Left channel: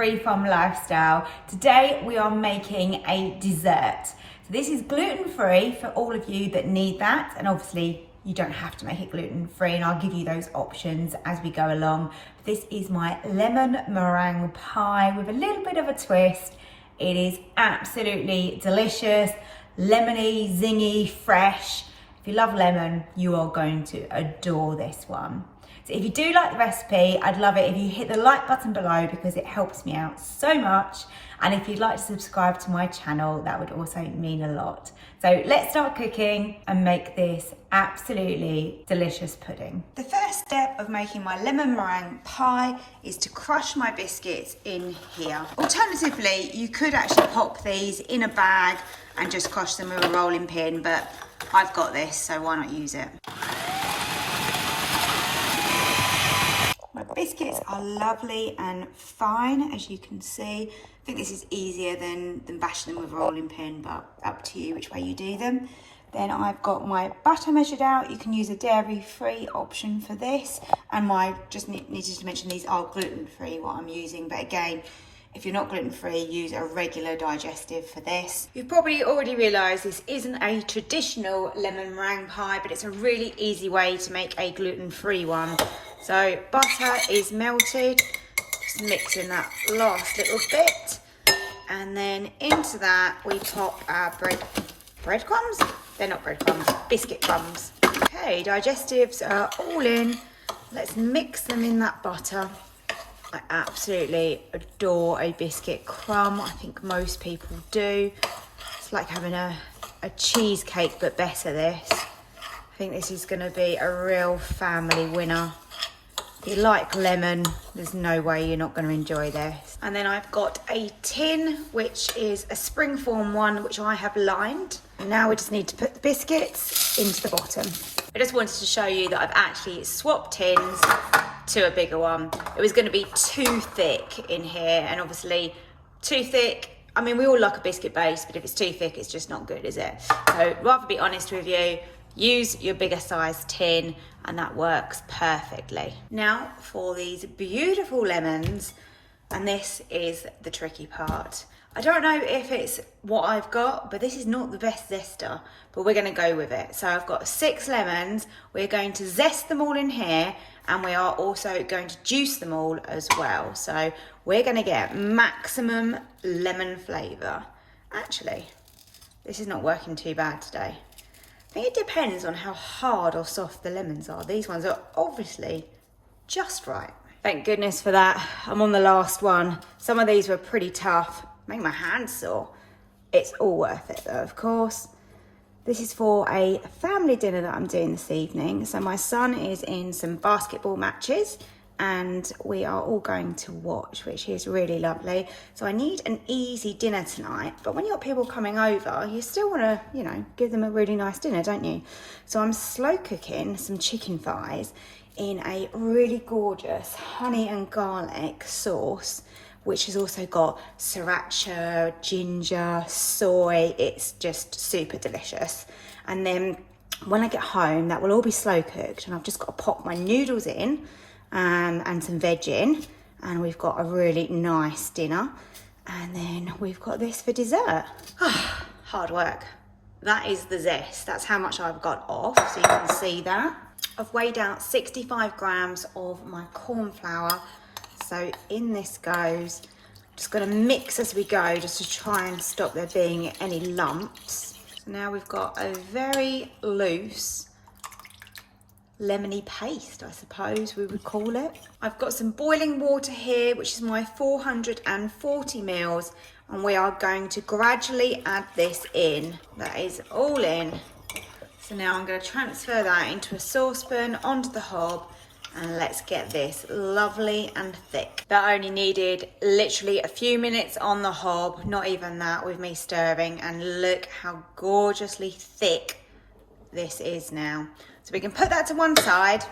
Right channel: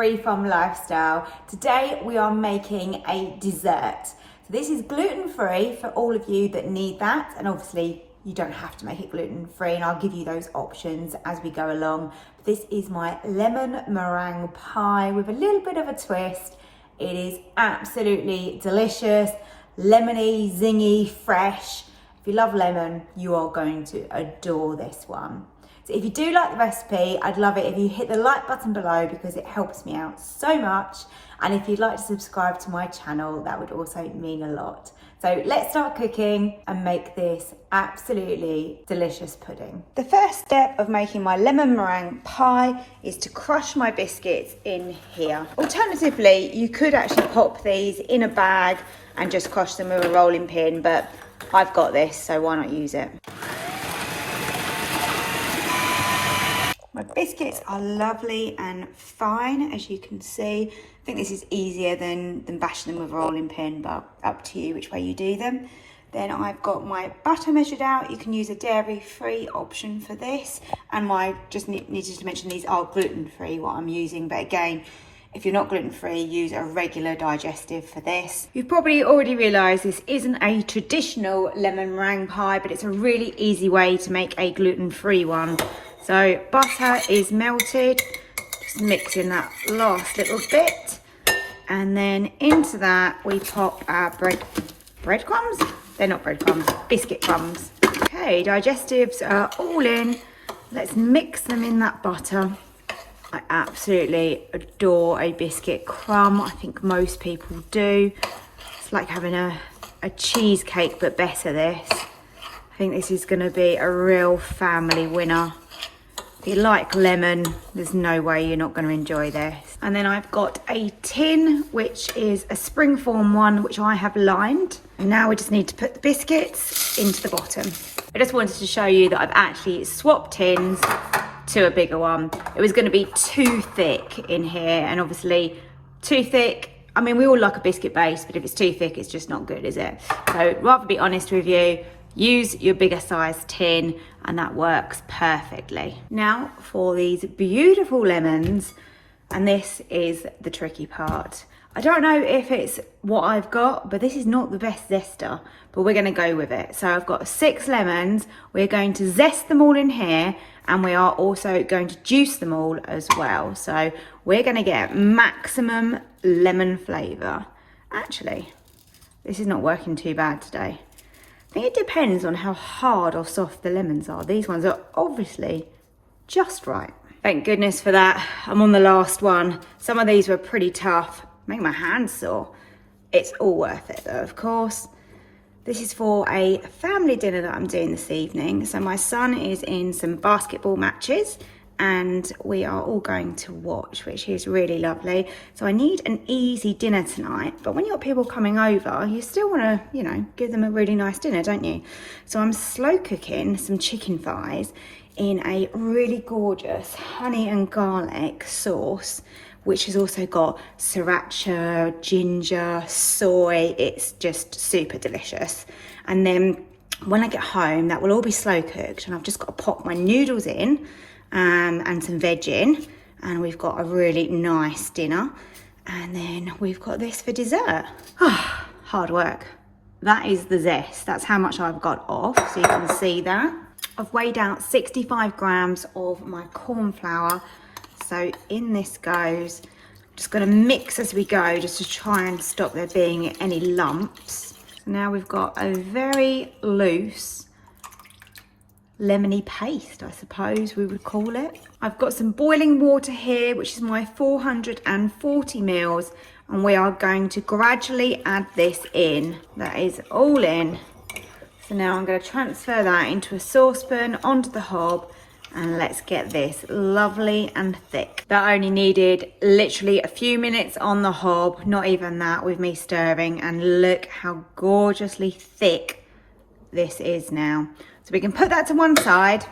free from lifestyle. Today we are making a dessert. So this is gluten-free for all of you that need that, and obviously you don't have to make it gluten-free, and I'll give you those options as we go along. This is my lemon meringue pie with a little bit of a twist. It is absolutely delicious, lemony, zingy, fresh. If you love lemon, you are going to adore this one. So if you do like the recipe, I'd love it if you hit the like button below because it helps me out so much. And if you'd like to subscribe to my channel, that would also mean a lot. So let's start cooking and make this absolutely delicious pudding. The first step of making my lemon meringue pie is to crush my biscuits in here. Alternatively, you could actually pop these in a bag and just crush them with a rolling pin, but I've got this, so why not use it? My biscuits are lovely and fine, as you can see. I think this is easier than bashing them with a rolling pin, but up to you which way you do them. Then I've got my butter measured out. You can use a dairy-free option for this. And just needed to mention these are gluten-free, what I'm using. But again, if you're not gluten-free, use a regular digestive for this. You've probably already realised this isn't a traditional lemon meringue pie, but it's a really easy way to make a gluten-free one. So butter is melted, just mixing that last little bit. And then into that, we pop our breadcrumbs? They're not breadcrumbs, biscuit crumbs. Okay, digestives are all in. Let's mix them in that butter. I absolutely adore a biscuit crumb. I think most people do. It's like having a cheesecake, but better this. I think this is gonna be a real family winner. If you like lemon, there's no way you're not gonna enjoy this. And then I've got a tin, which is a springform one, which I have lined. And now we just need to put the biscuits into the bottom. I just wanted to show you that I've actually swapped tins to a bigger one. It was gonna be too thick in here, and obviously too thick, I mean, we all like a biscuit base, but if it's too thick, it's just not good, is it? So rather be honest with you, use your bigger size tin, and that works perfectly. Now for these beautiful lemons, and this is the tricky part. I don't know if it's what I've got, but this is not the best zester, but we're gonna go with it. So I've got 6 lemons. We're going to zest them all in here, and we are also going to juice them all as well. So we're gonna get maximum lemon flavour. Actually, this is not working too bad today. I think it depends on how hard or soft the lemons are. These ones are obviously just right. Thank goodness for that. I'm on the last one. Some of these were pretty tough. Make my hands sore. It's all worth it though, of course. This is for a family dinner that I'm doing this evening. So my son is in some basketball matches, and we are all going to watch, which is really lovely. So I need an easy dinner tonight, but when you've got people coming over, you still want to, you know, give them a really nice dinner, don't you? So I'm slow cooking some chicken thighs in a really gorgeous honey and garlic sauce, which has also got sriracha, ginger, soy. It's just super delicious. And then when I get home, that will all be slow cooked, and I've just got to pop my noodles in and some veg in, and we've got a really nice dinner. And then we've got this for dessert. Oh, hard work. That is the zest. That's how much I've got off, so you can see that. I've weighed out 65 grams of my corn flour. So in this goes. I'm just going to mix as we go, just to try and stop there being any lumps. So now we've got a very loose lemony paste, I suppose we would call it. I've got some boiling water here, which is my 440 mils, and we are going to gradually add this in. That is all in. So now I'm going to transfer that into a saucepan onto the hob, and let's get this lovely and thick. That only needed literally a few minutes on the hob, not even that, with me stirring, and look how gorgeously thick this is now. So we can put that to one side,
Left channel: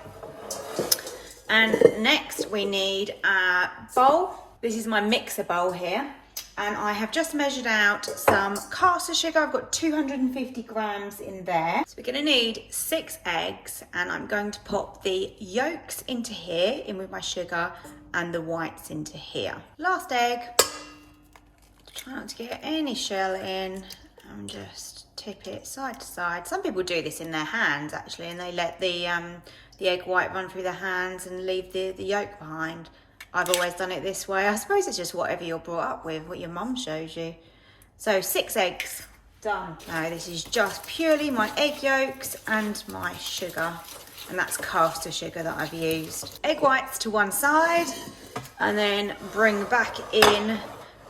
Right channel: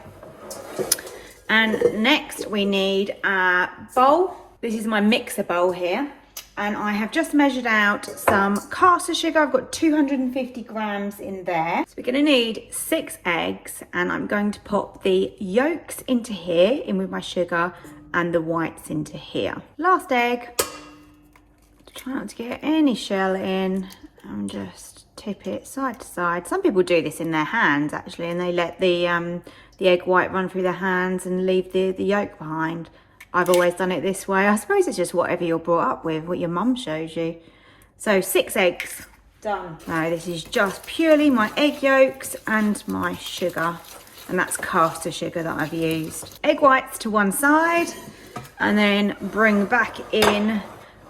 and next we need a bowl. This is my mixer bowl here. And I have just measured out some caster sugar. I've got 250 grams in there. So we're gonna need 6 eggs, and I'm going to pop the yolks into here, in with my sugar, and the whites into here. Last egg. Try not to get any shell in, and just tip it side to side. Some people do this in their hands actually, and they let the egg white run through their hands and leave the yolk behind. I've always done it this way. I suppose it's just whatever you're brought up with, what your mum shows you. So 6 eggs, done. Now this is just purely my egg yolks and my sugar, and that's caster sugar that I've used. Egg whites to one side, and then bring back in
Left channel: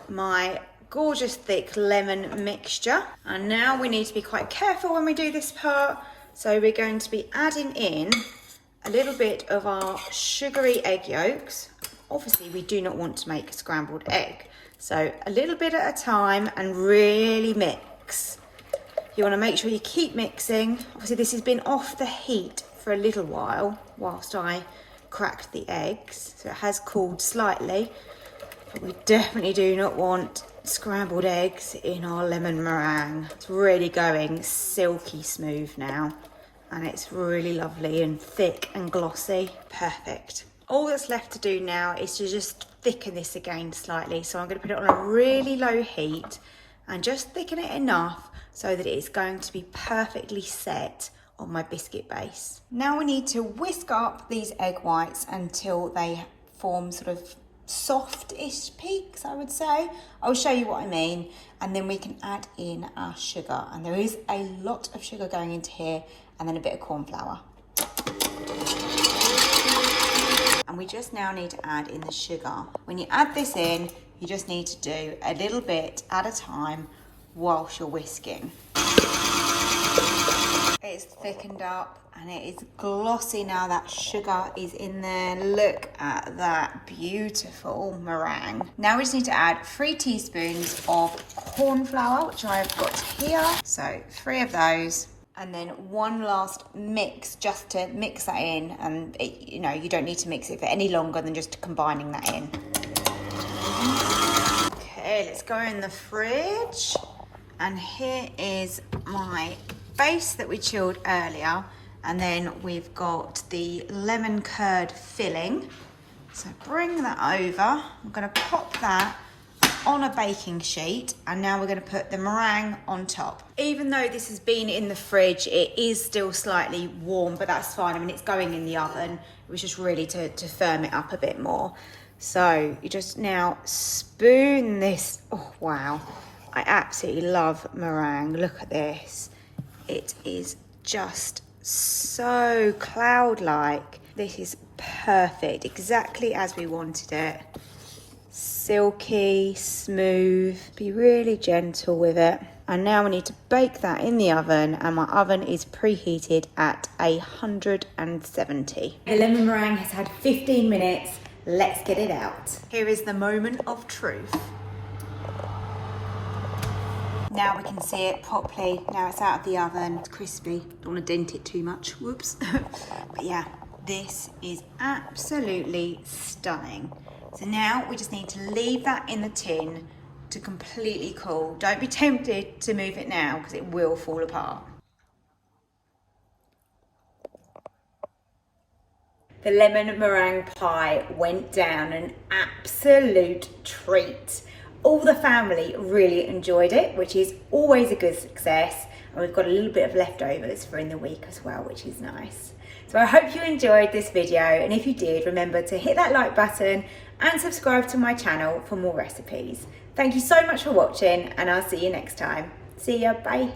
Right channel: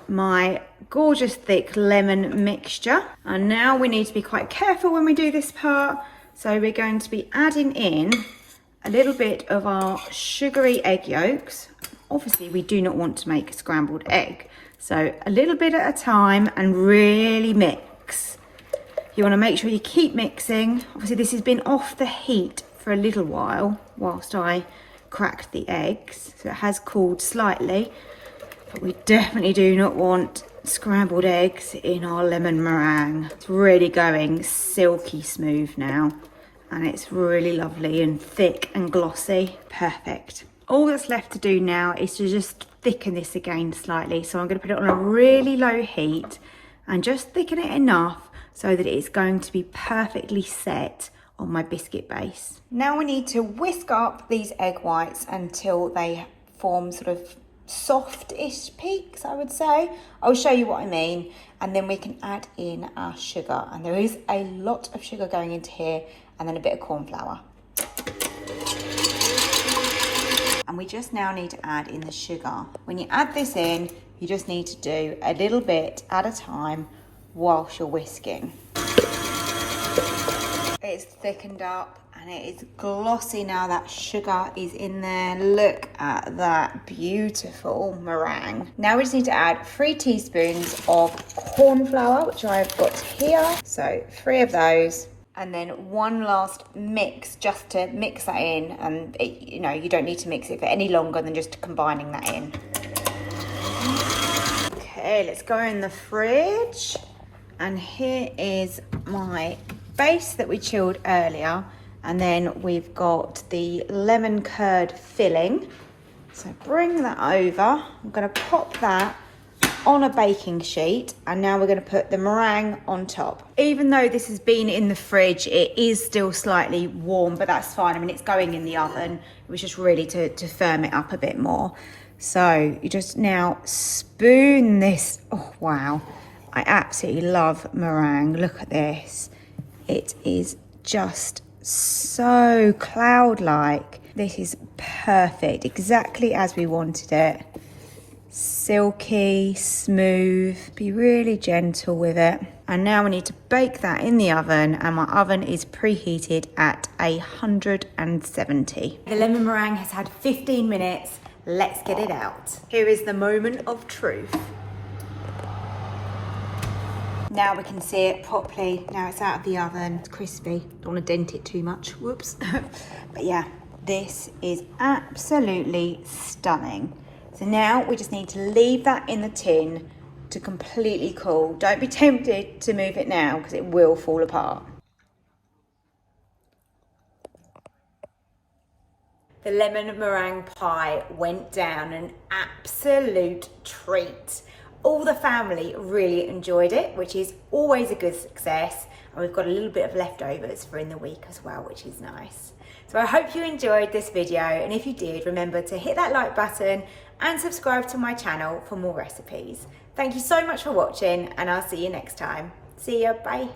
my gorgeous thick lemon mixture. And now we need to be quite careful when we do this part. So we're going to be adding in a little bit of our sugary egg yolks. Obviously we do not want to make a scrambled egg, so a little bit at a time and really mix. You want to make sure you keep mixing. Obviously this has been off the heat for a little while whilst I cracked the eggs, so it has cooled slightly, but we definitely do not want scrambled eggs in our lemon meringue. It's really going silky smooth now, and it's really lovely and thick and glossy. Perfect. All that's left to do now is to just thicken this again slightly. So I'm going to put it on a really low heat and just thicken it enough so that it's going to be perfectly set on my biscuit base. Now we need to whisk up these egg whites until they form sort of soft-ish peaks, I would say. I'll show you what I mean, and then we can add in our sugar. And there is a lot of sugar going into here, and then a bit of corn flour. And we just now need to add in the sugar. When you add this in, you just need to do a little bit at a time whilst you're whisking. It's thickened up and it is glossy now that sugar is in there. Look at that beautiful meringue. Now we just need to add 3 teaspoons of corn flour, which I've got here. So 3 of those. And then one last mix just to mix that in, and you know, you don't need to mix it for any longer than just combining that in. Okay, let's go in the fridge. And here is my base that we chilled earlier, and then we've got the lemon curd filling. So bring that over. I'm going to pop that on a baking sheet, and now we're going to put the meringue on top. Even though this has been in the fridge, it is still slightly warm, but that's fine. I mean, it's going in the oven. It was just really to firm it up a bit more. So you just now spoon this. Oh wow, I absolutely love meringue. Look at this. It is just so cloud-like. This is perfect, exactly as we wanted it. Silky, smooth, be really gentle with it. And now we need to bake that in the oven, and my oven is preheated at 170. The lemon meringue has had 15 minutes. Let's get it out. Here is the moment of truth. Now we can see it properly. Now it's out of the oven, it's crispy. Don't want to dent it too much, whoops. But yeah, this is absolutely stunning. So now we just need to leave that in the tin to completely cool. Don't be tempted to move it now because it will fall apart. The lemon meringue pie went down, an absolute treat. All the family really enjoyed it, which is always a good success. And we've got a little bit of leftovers for in the week as well, which is nice. So I hope you enjoyed this video. And if you did, remember to hit that like button and subscribe to my channel for more recipes. Thank you so much for watching, and I'll see you next time. See ya, bye.